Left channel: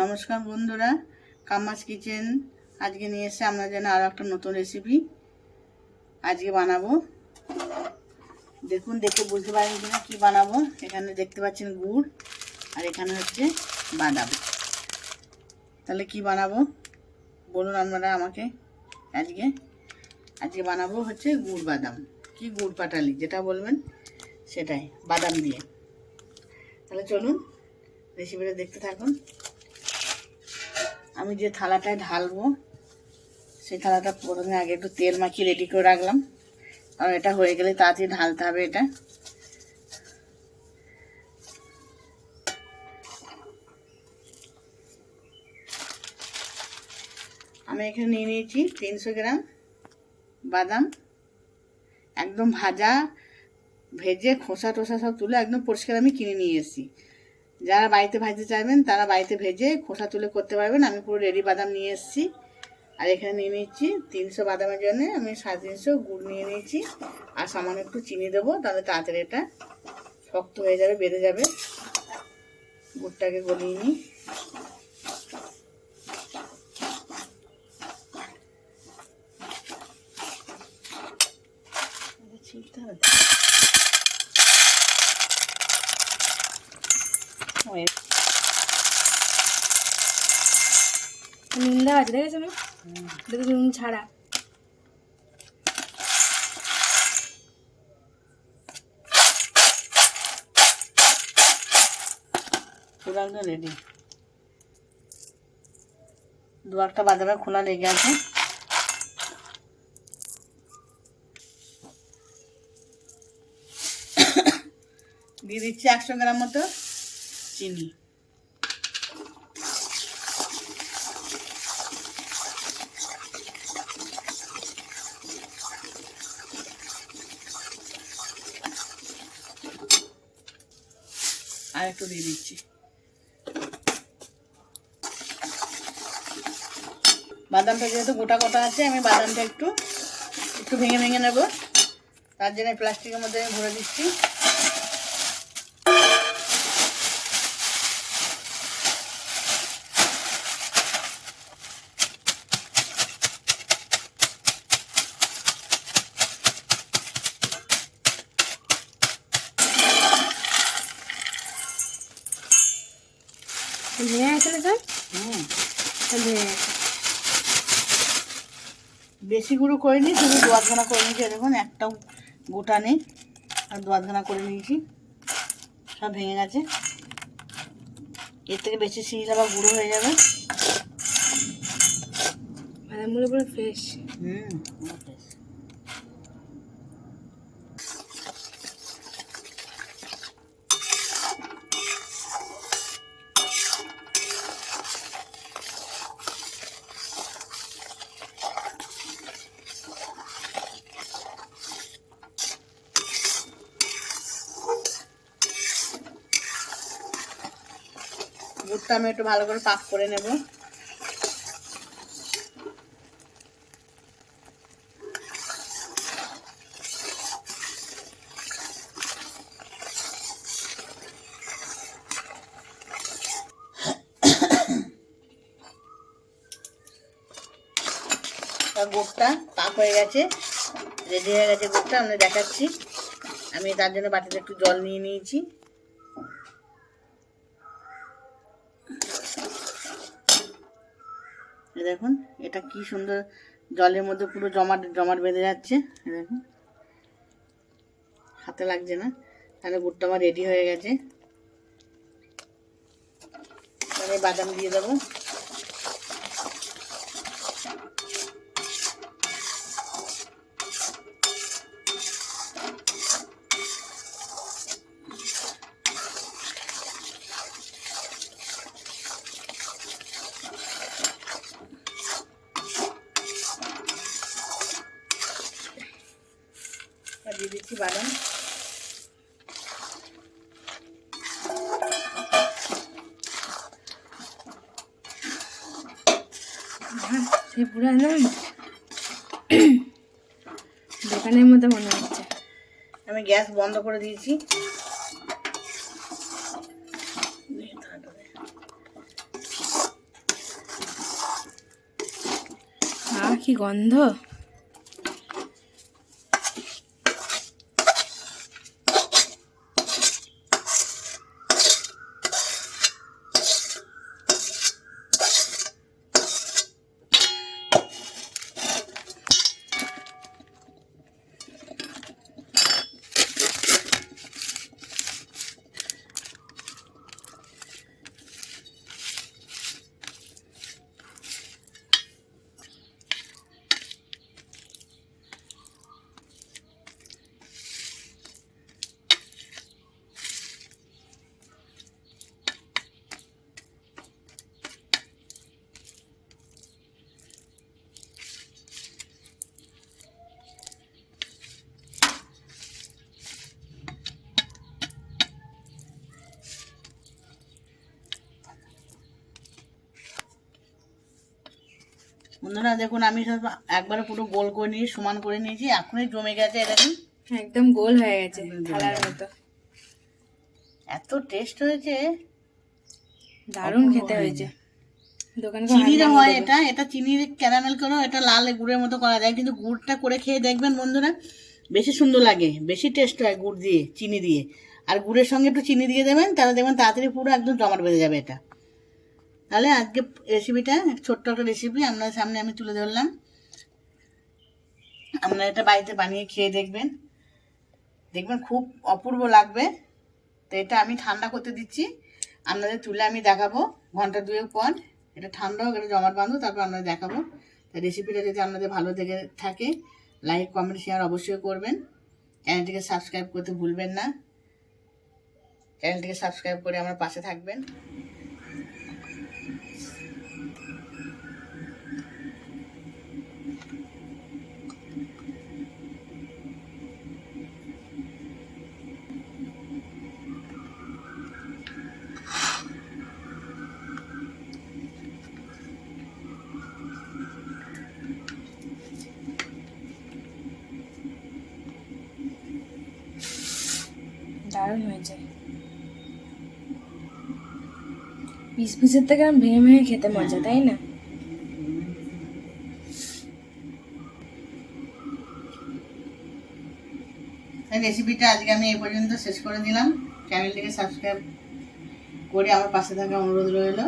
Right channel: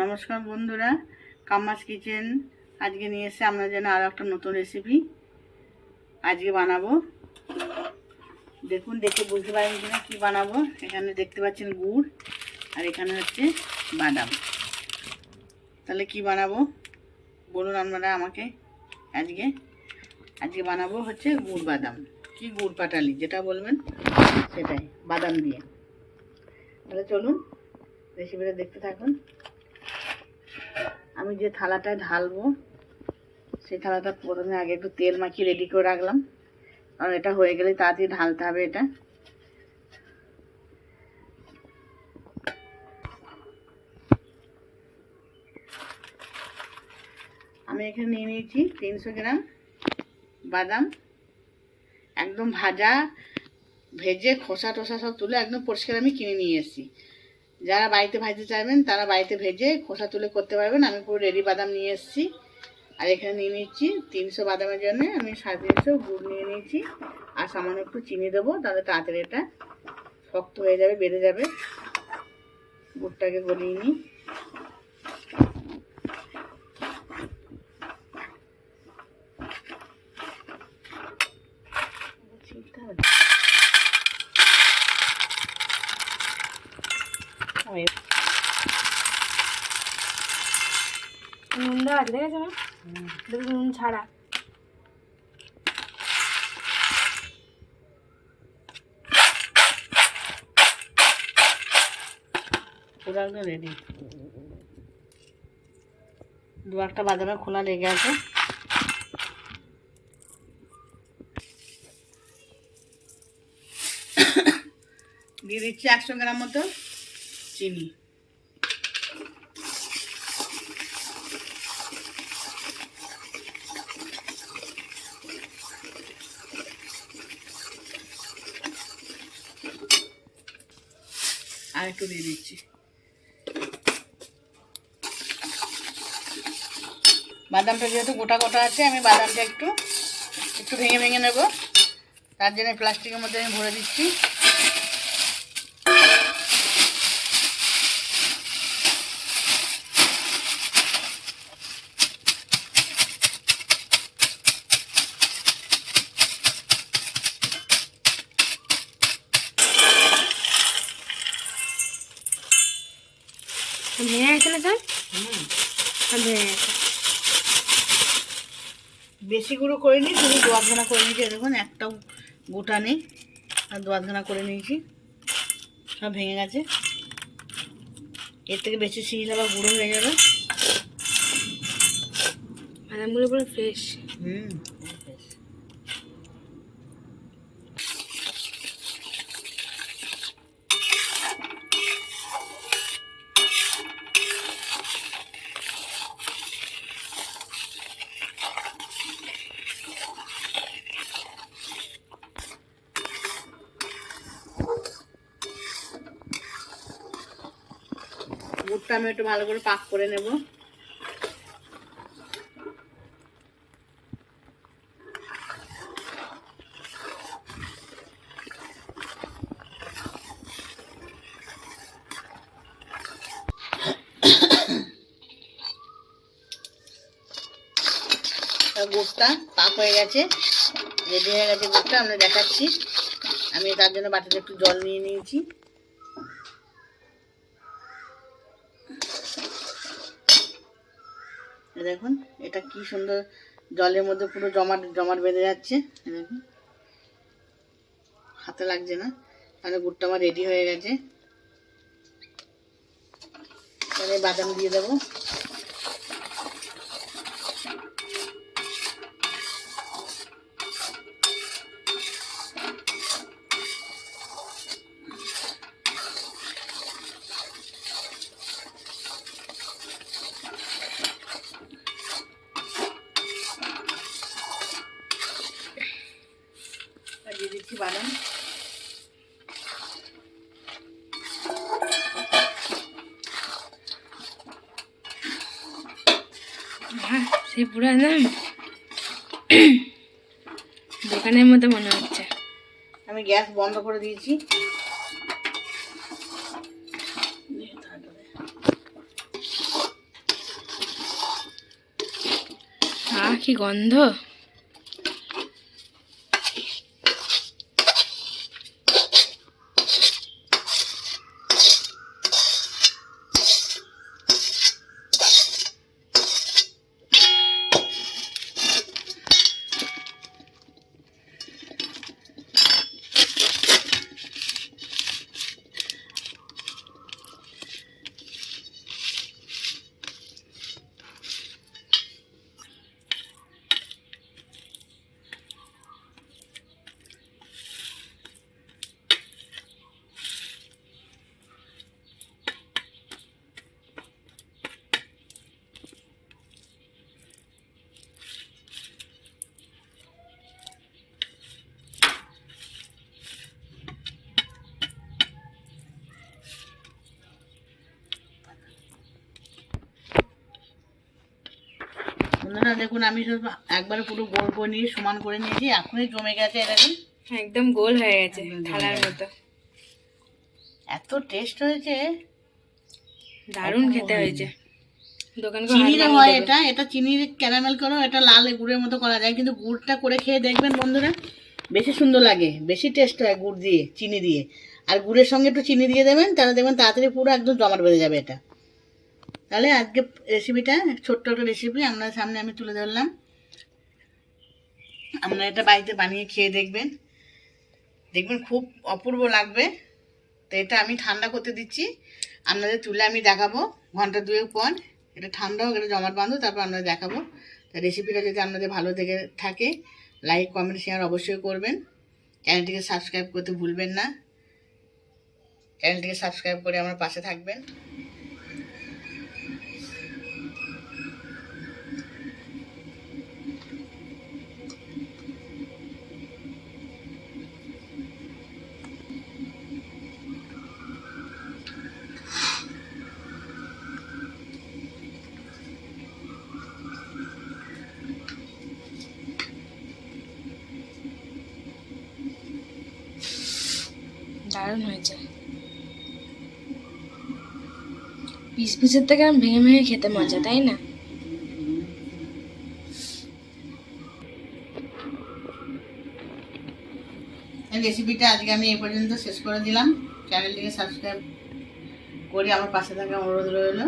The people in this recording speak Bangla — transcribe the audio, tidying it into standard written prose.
নমস্কার বন্ধুরা, কাম্মাস কিচেন আজকে নিয়ে এসে আমরা যেন আরও একটা নতুন রেসিপি আজকে বানাবো। দেখুন, দেখে বুঝতে পারেন কিনা কি বানাবো। এখানে দেখতে পাচ্ছেন গুড়, আর এখানে হচ্ছে বাদাম। তাহলে কি বানাবো বলুন আপনারা আমাকে। আজকে বানাবো হচ্ছে গুড় বাদাম, কি গুড় পাটালি যেটা বলবেন সেটাই, বাদাম দিয়ে। তাহলে চলুন রেসিপিটা দেখতে থাকুন। আমি যে থালাটায় ঢালবো সেই থালাটা প্রথমে আগে একটু তেল মাখিয়ে রেডি করে রাখলাম, কারণ এটা হয়ে গেলে তাড়াতাড়ি ঢালতে হবে। এটা আমি এখানে নিয়ে নিয়েছি 300 গ্রাম বাদাম, একদম ভেজে খোসা টোসা সব তুলে একদম পরিষ্কার আমি কিনে নিয়ে এসেছি। যারা বাড়িতে ভাজতে চাইবেন তারা বাড়িতে ভেজে খোসা তুলে করতে পারবেন। আমি পুরো রেডি বাদাম নিয়ে এসেছি। আর এখানে নিয়ে নিচ্ছি 300 বাদামের জন্য আমি 350 গুড় নিয়ে নিয়েছি, আর সামান্য একটু চিনি দেবো, তাহলে তাড়াতাড়ি এটা শক্ত হয়ে যাবে, বেড়ে যাবে। গুড়টাকে গলিয়ে নিই। নুন দেওয়া আছে, দেখেছো না? নুন ছাড়া। রেডি। দু একটা বাদামে খোলা লেগে আছে। দিয়ে দিচ্ছি 100 গ্রাম মতো চিনি। আর একটু দিয়ে দিচ্ছি। বাদামটা যেহেতু গোটা গোটা আছে, আমি বাদামটা একটু ভেঙে ভেঙে নেব। তার জন্য প্লাস্টিকের মধ্যে আমি ভরে দিচ্ছি। ভেঙে গেছে না স্যার? ভেঙে গেছে। বেশি গুঁড়ো করে নিই, শুধু দোয়াতখানা করে নিয়েছি। দেখুন একটাও গোটা নেই, আর দোয়াতখানা করে নিয়েছি। সব ভেঙে গেছে। এর থেকে বেশি শিল আবার গুঁড়ো হয়ে যাবে। বাদামগুলো পুরো ফ্রেশ। গুড়টা আমি একটু ভালো করে পাক করে নেব। গুড়টা পাক হয়ে গেছে, রেডি হয়ে গেছে গুড়টা। আমরা দেখাচ্ছি। আমি তার জন্য বাটিতে একটু জল নিয়ে নিয়েছি। দেখুন এটা কি সুন্দর জলের মধ্যে পুরো জমাট বেঁধে যাচ্ছে। দেখুন হাতে লাগছে না। তাহলে গুড়টা আমার রেডি হয়ে গেছে। তাহলে বাদাম দিয়ে দেবো। দিয়ে দিচ্ছি বাদাম। সেই পুরো একদম দোকানের মতো মনে হচ্ছে। আমি গ্যাস বন্ধ করে দিয়েছি। কি গন্ধ! বন্ধুরা দেখুন, আমি সব একবারে পুরো গোল করে নিয়ে সমান করে নিয়েছি, এখনই জমে গেছে। এটা কি একদম গোল হয়ে গেছে, থালার মতো। এত টেস্ট হয়েছে, দারুণ খেতে হয়েছে। দোকান চিনিতে হয় এটা, এটা চিনির ক্যারামেল করো, এটা লাল গুড়ের মতো করা যায়, কিন্তু গুড়টা করে খেয়ে দেখবেন বন্ধুরা, বেশি সুন্দর লাগে, বেশি টেস্ট হয় গুড় দিয়ে, চিনি দিয়ে। আর গুড়ের সঙ্গে একটু চিনি দিয়ে দেবেন, তাহলে দেখবেন তাড়াতাড়ি পুরো একদম জমাট বেঁধে যাবে এটা। তাহলে আজকে রেসিপিটা, ছোট্ট একটা রেসিপি আপনাদের সামনে আমি তুলে ধরলাম। আপনারা এটা বাড়িতে বানিয়ে খেয়ে দেখবেন, দেখবেন খুব অপূর্ব লাগবে। তো এটা আমি ঠান্ডা করতে দিচ্ছি, আপনাদের তুলে আমি দেখাবো ঘন্টা 2 পর। এটা ঠান্ডা হোক, এটা জমাট বাঁধো, তারপর আপনাদের দেখাবো। তো রেসিপিটা যদি আপনাদের ভালো লেগে থাকে, লাইক কমেন্ট শেয়ার অবশ্যই করবেন। চ্যানেলটিকে সাবস্ক্রাইব করতে ভুলবেন না। চ্যানেলটিকে সাবস্ক্রাইব করে আমার পাশে থাকবেন। দারুণ হয়েছে। পিস পিসের থেকে ভেঙে ভেঙে খেতে মজা, তাই না? রেসিপিটা আজকে আমি এই পর্যন্ত শেষ করে দিলাম। চ্যানেলটিকে সাবস্ক্রাইব করে আমার পাশে থাকা অনুরোধ রইল।